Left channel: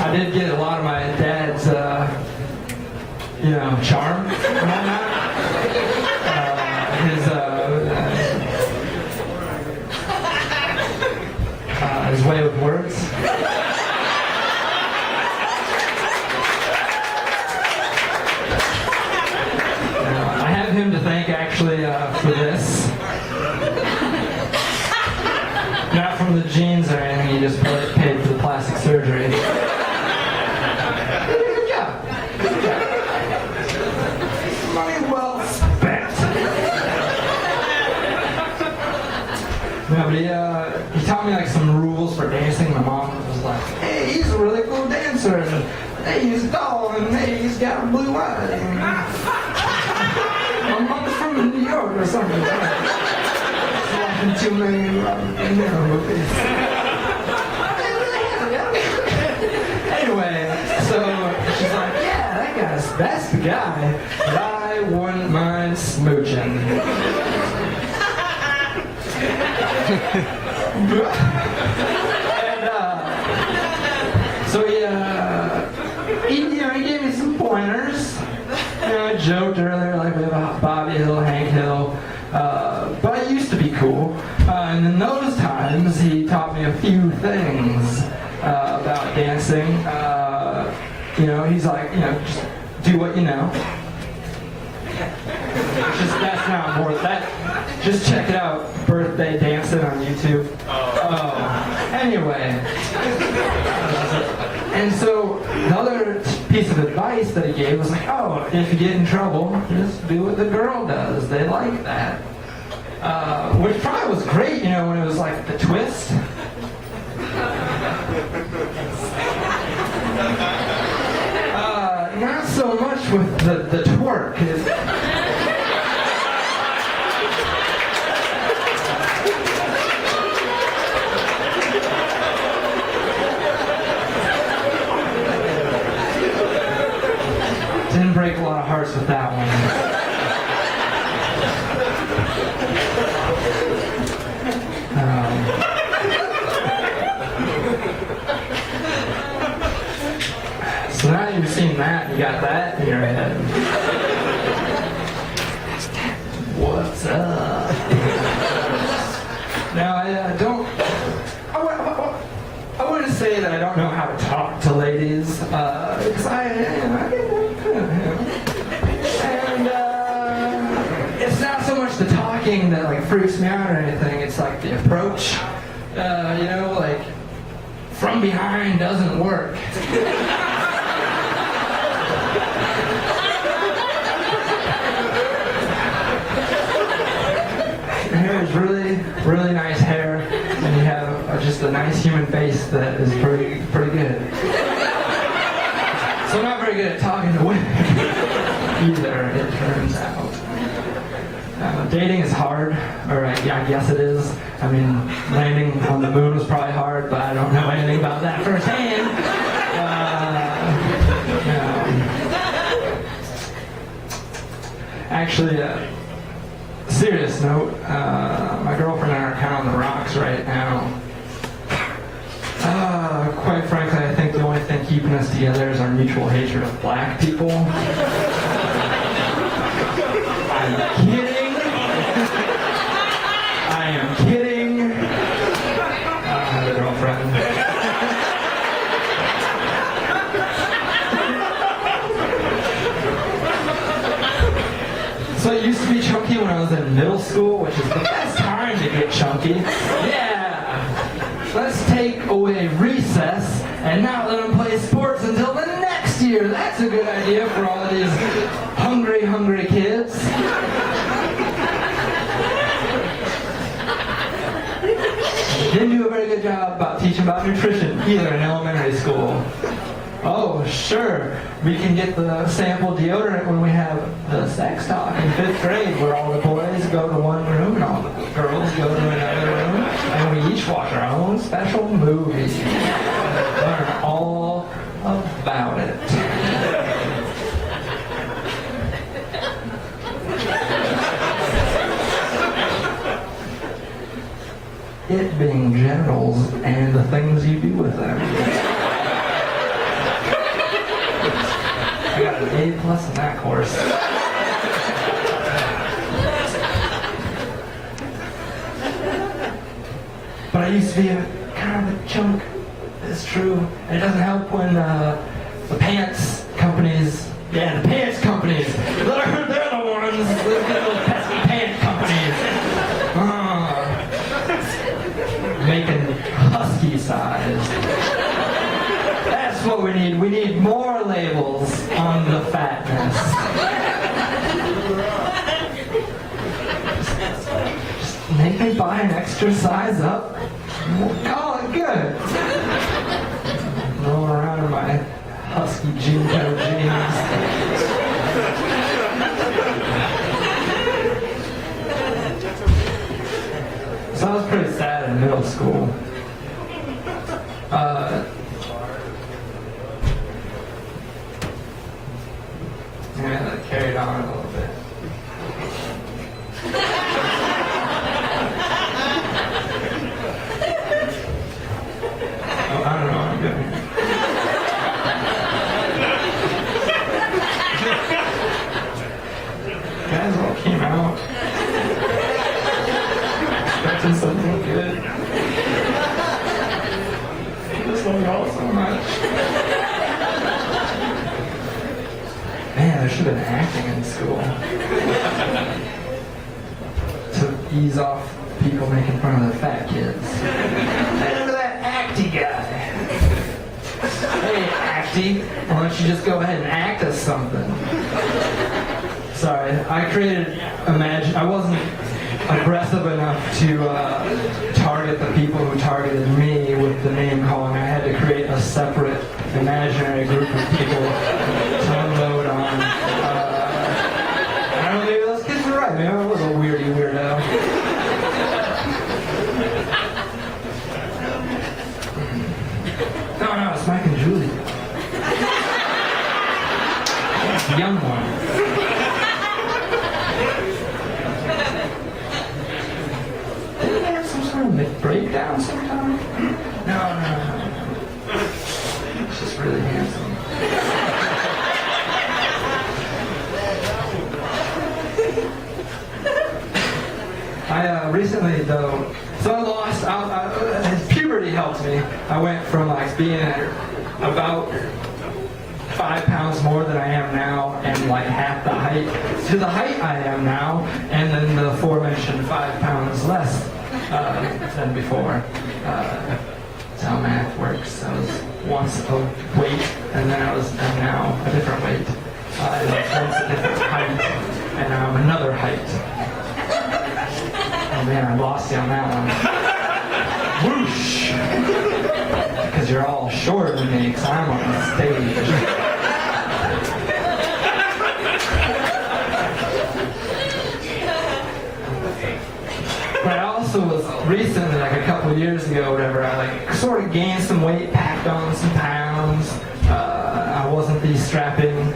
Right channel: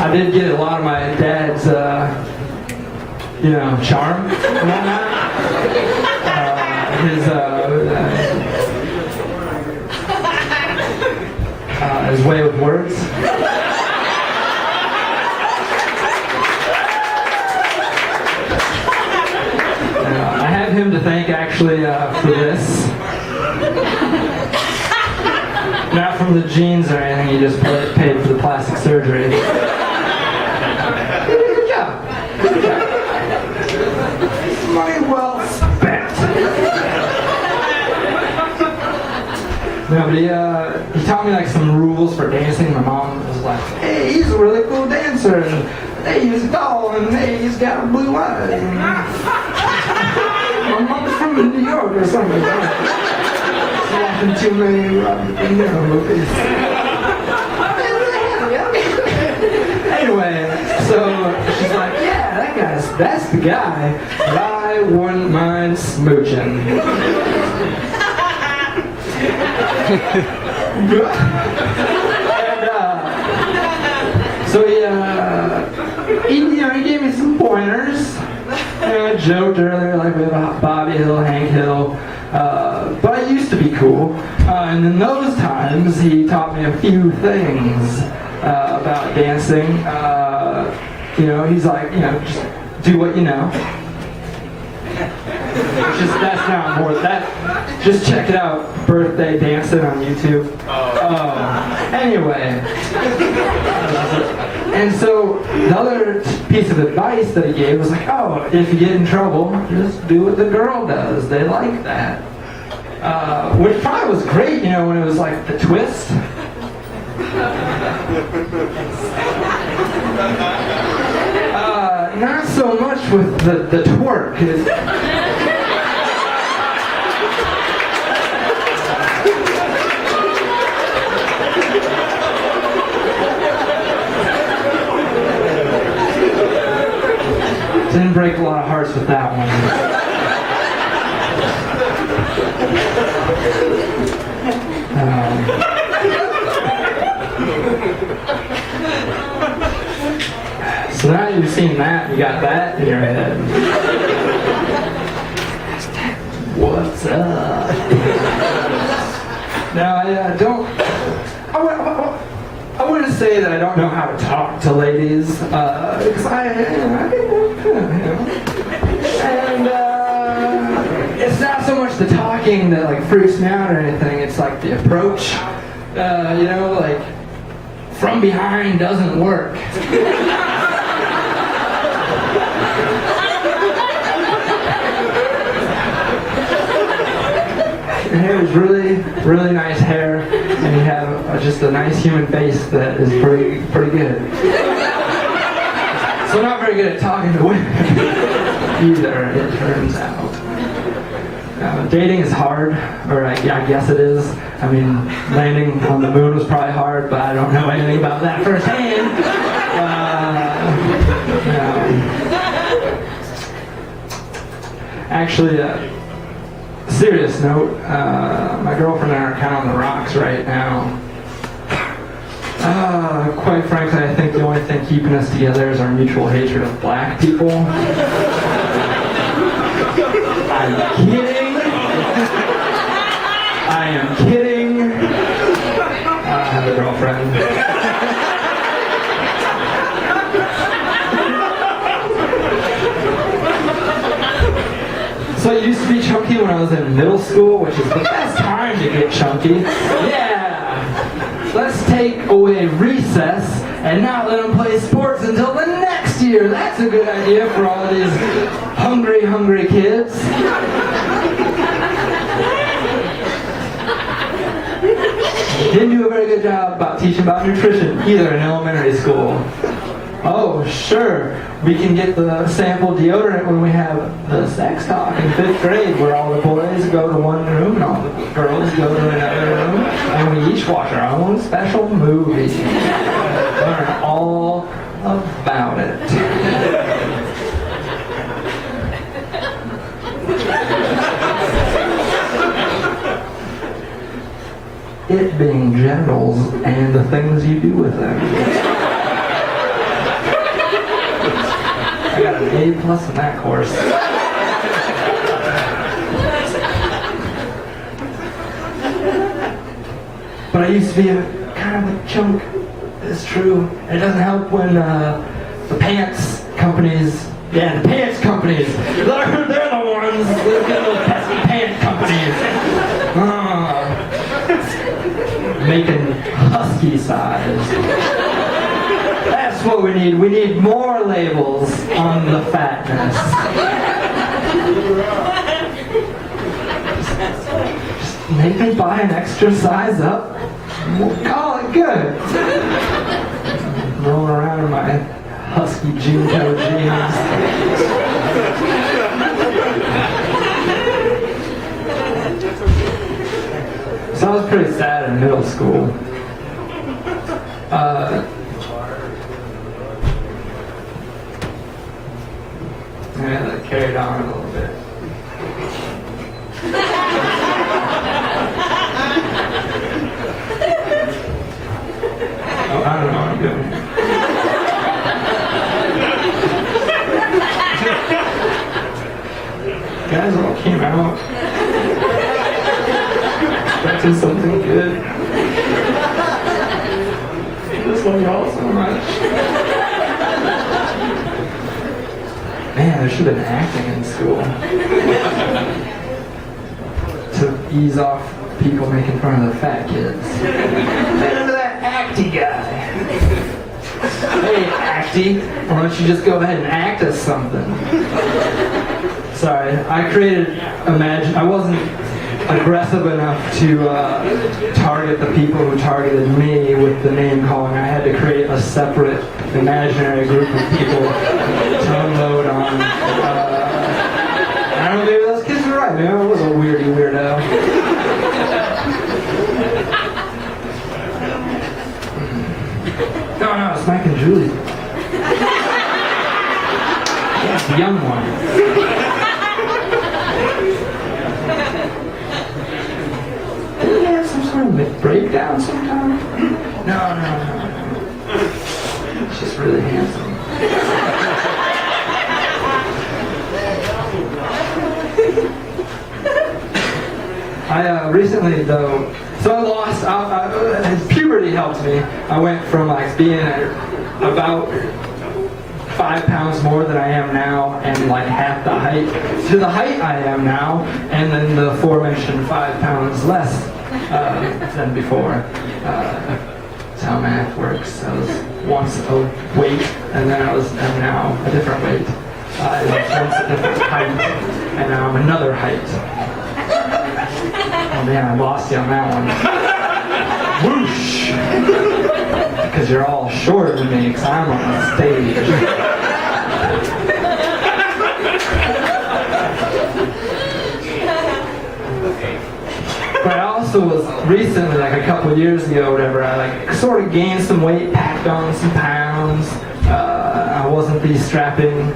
I did get a lot of my dad's, charm and whatnot. His way with words. I have him to thank actually for this. Not from the jeans or anything, he just paid for the plastic surgery. He did a good job. Good job. Money well spent. No, but he taught me like some rules for dancing. My mom was like, hey, he's a really cool dancer, and hey, he's tall, and hey, he's got a blue eye. And my mom's from New York or something. Watching too many Robert De Niro movies. Anyway, so she's like, yeah, that's the guy that I wouldn't mind smooching. And so he gave me some pointers. I joked earlier like we have a Bobby Hill, Hank Hill, but I used to be cool. And in those times, he taught me a few things about dancing. He's like, just do what you know. That's not important. Just check it out. Birthday dancing on YouTube. Anyway. And so the other piece of advice that he gave was like, oh, if you get in trouble, just do what the girl does. They like that. Which probably was great, when it was like the twist. Not so much with the twerk. Didn't break a lot of hearts with that one. So now you've seen that, you got that in your head. What's up? Now I wouldn't say that I don't know how to talk to ladies, because and it's not so much the talking that like freaks me out or anything. It's like the approach, like from behind doesn't work. Your hair is really, really nice hair, and you have just a nice human face that is pretty good. So I'm not very good at talking to women either, it turns out. Dating is hard, or I guess it is. I mean, landing on the moon was probably hard, but I don't know anything about that firsthand. Actually, serious note, my girlfriend and I are kind of on the rocks right now. Quite frankly, I think the only thing keeping us together is our mutual hatred of black people. I'm kidding. I am kidding. I have a girlfriend. So I used to be chunky when I was in middle school, which is the best time to get chunky. Yeah! Let's take away recess and not let them play sports until the next year. That's a good idea for all of these hungry kids. Didn't do a very good job about teaching about nutrition either in elementary school. Oh, sure. We can get the sample deodorant when we have the sex talk in 5th grade, where all the boys go to one room and all the girls go to another room, and we each watch our own special movie. Learn all about it. It being genitals and the things you do with them. got an A+ in that course. But I used to be kind of a chunk. It's true. And it doesn't help when the pants companies, they're the ones, those pesky pants companies, making husky size. That's what we need. We need more labels on the fatness. Just make me buy an extra size up. We'll call it good. Rolling around in my husky Junko jeans. So I was pretty sad in middle school. And I carried on a little bit. Oh, I don't know what I'm doing. Guys all came out expecting something good. I just love y'all so much. Man, there should have been acting in school to ease off people making fun of the fat kids. Remember that acty guy? Hey, acty, why don't you just go ahead and act as something? Sorry, I I wasn't aggressive enough to target the people who targeted me with the name calling. I had to create a separate imaginary group of people to unload on. I don't know, maybe those kids were right. Maybe I was a weirdo. No, it's Mike and Julie. Yeah, the young one. Did he have some sort of breakdown sometime? No. He's just really handsome. I recently, though, so I lost, puberty helped me. I went from like being about 5 pounds more than I am now and like half the height to the height I am now, and then the aforementioned 5 pounds less than before. That's how math works. I was once a weight, and then I'm now a different weight. I was once a different height, and now I'm another height. Oh man, I lost you on that one. Whoosh! Because you're all shorter than me, because I'm on the stage. But I also was recently, like a couple of years ago or whatever, I like sort of gained some weight, packed on some pounds. I wasn't the strapping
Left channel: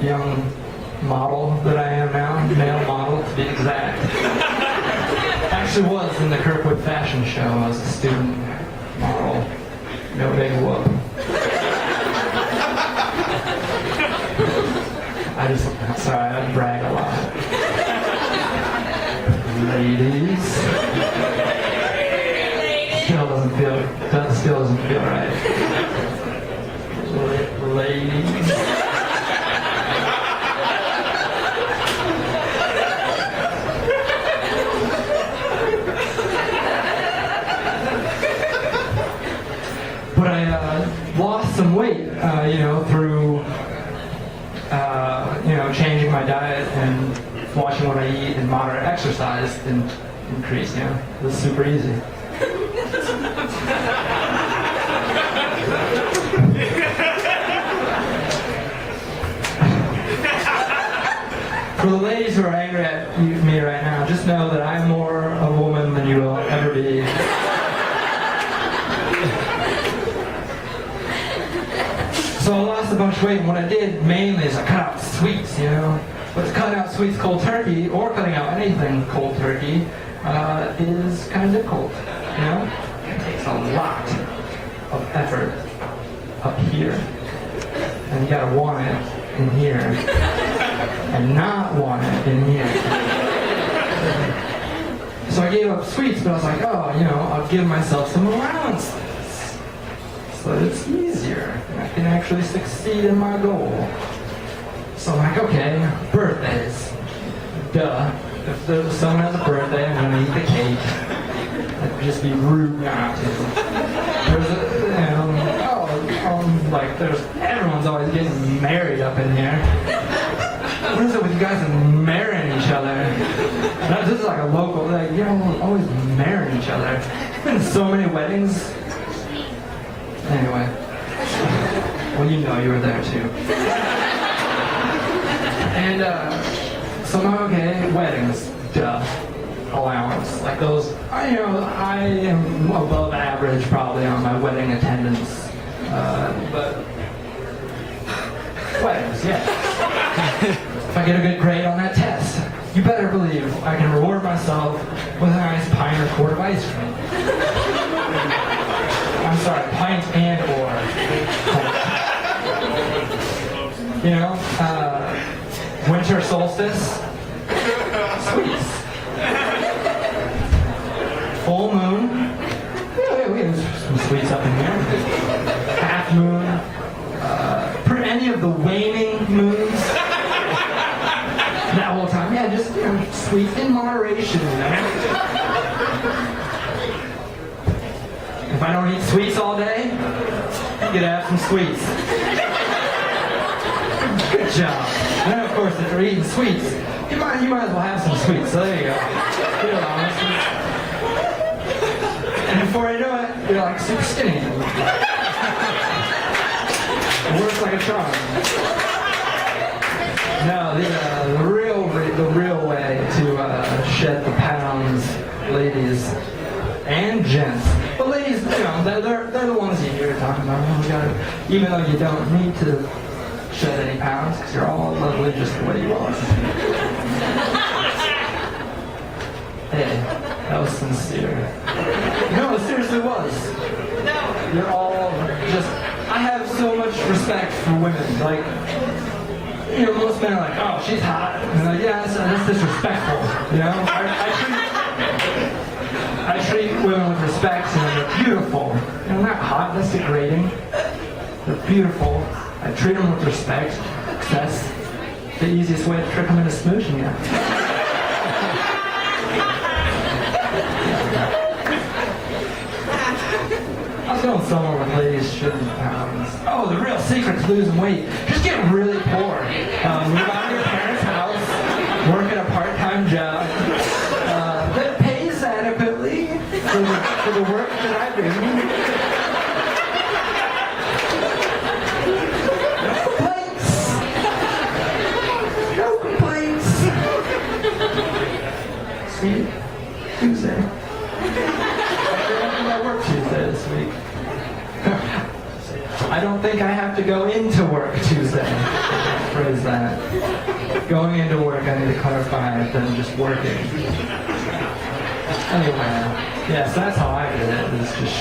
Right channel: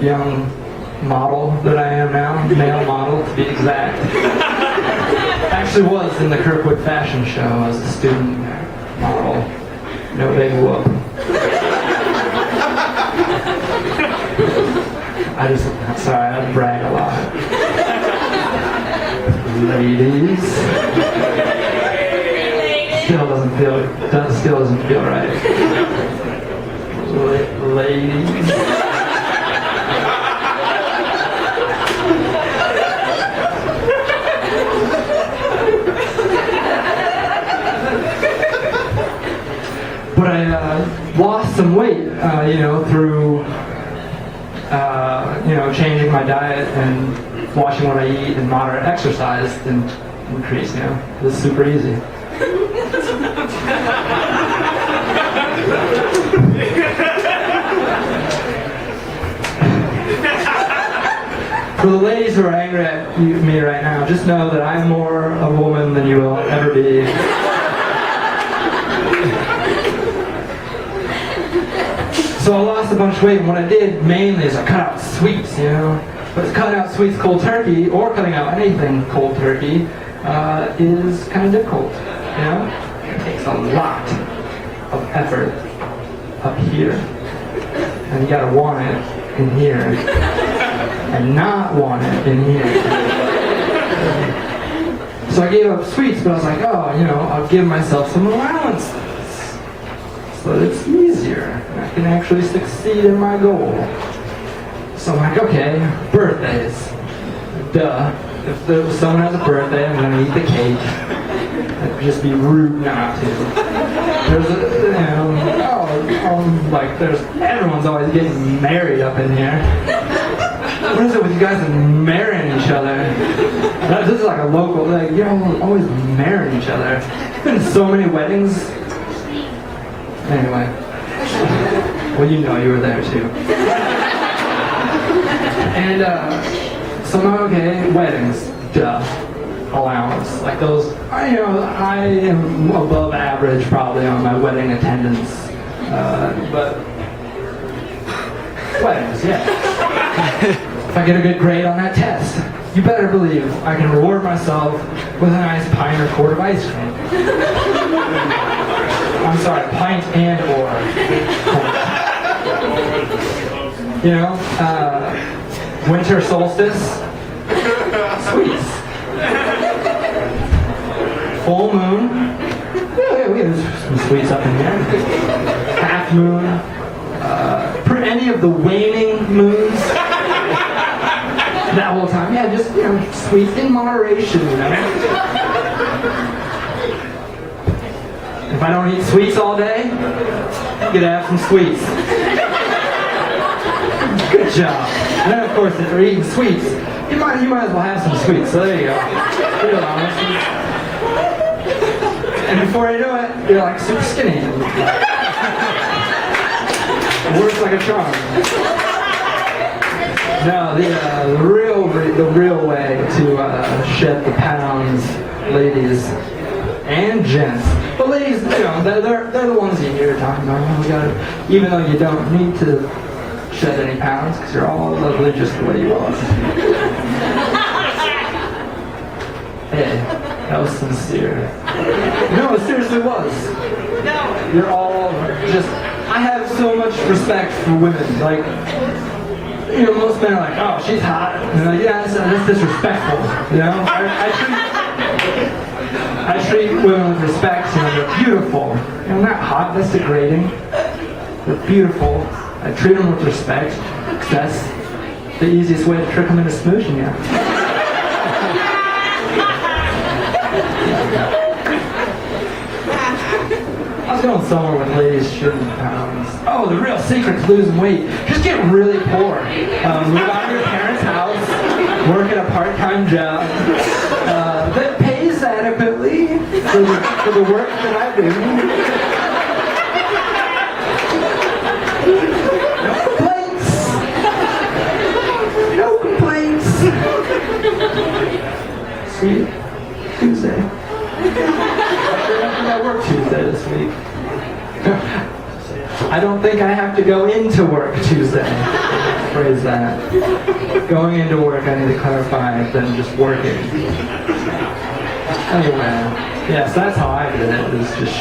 young model that I am now, male model to be exact. Actually was in the Kirkwood fashion show. I was a student model. No big whoop. I brag a lot. Ladies. Still doesn't feel right. Ladies. But I lost some weight, through, changing my diet and watching what I eat and moderate exercise and increase, This is super easy. For the ladies who are angry at me right now, just know that I am more a woman than you will ever be. So I lost a bunch of weight, and what I did mainly is I cut out sweets, But cutting out sweets cold turkey, or cutting out anything cold turkey, is kind of difficult, It takes a lot of effort up here. and you gotta want it in here, and not want it in here. So I gave up sweets, but I was like, oh, I'll give myself some allowances, so that it's easier, and I can actually succeed in my goal. So I'm like, okay, birthdays. Duh. If someone has a birthday, I'm gonna eat the cake. It'd just be rude not to. There's everyone's always getting married up in here. What is it with you guys and marrying each other? This is like a local, you're always marrying each other. There's been so many weddings. Anyway. Well, you were there too. And, so I'm like, okay, weddings, duh. Allowance. Like those, I am above average probably on my wedding attendance. But weddings, yeah. If I get a good grade on that test, you better believe I can reward myself with a nice pint or quart of ice cream. I'm sorry, pint and or. Winter solstice, sweets. Full moon, yeah, we have some sweets up in here. Half moon, any of the waning moons. That whole time, yeah, just sweets in moderation. If I don't eat sweets all day, I'm gonna have some sweets. Good job. And then, of course, if you're eating sweets, you might as well have some sweets. So there you go. Good allowances. And before you know it, you're like super skinny. It works like a charm. No, the real way to shed the pounds, ladies and gents. But ladies, they're the ones you hear talking about. Even though you don't need to shed any pounds, because you're all lovely just the way you are. Hey, that was sincere. No, it seriously was. You're all just, I have so much respect for women. Like, most men are like, oh, she's hot. Yeah, that's disrespectful. I treat women with respect. They're beautiful. Not hot, that's degrading. They're beautiful. I treat them with respect, because that's the easiest way to trick them into smooching you. I was going somewhere with ladies shedding pounds. Oh, the real secret to losing weight. Just get really poor. Move out of your parents' house, work at a part-time job that pays adequately for the work that I do. No complaints. Sweet Tuesday. I work Tuesday this week. I don't think I have to go into work Tuesday. Phrase that. Going into work, I need to clarify than just working. Anyway, yes, that's how I did it. Is just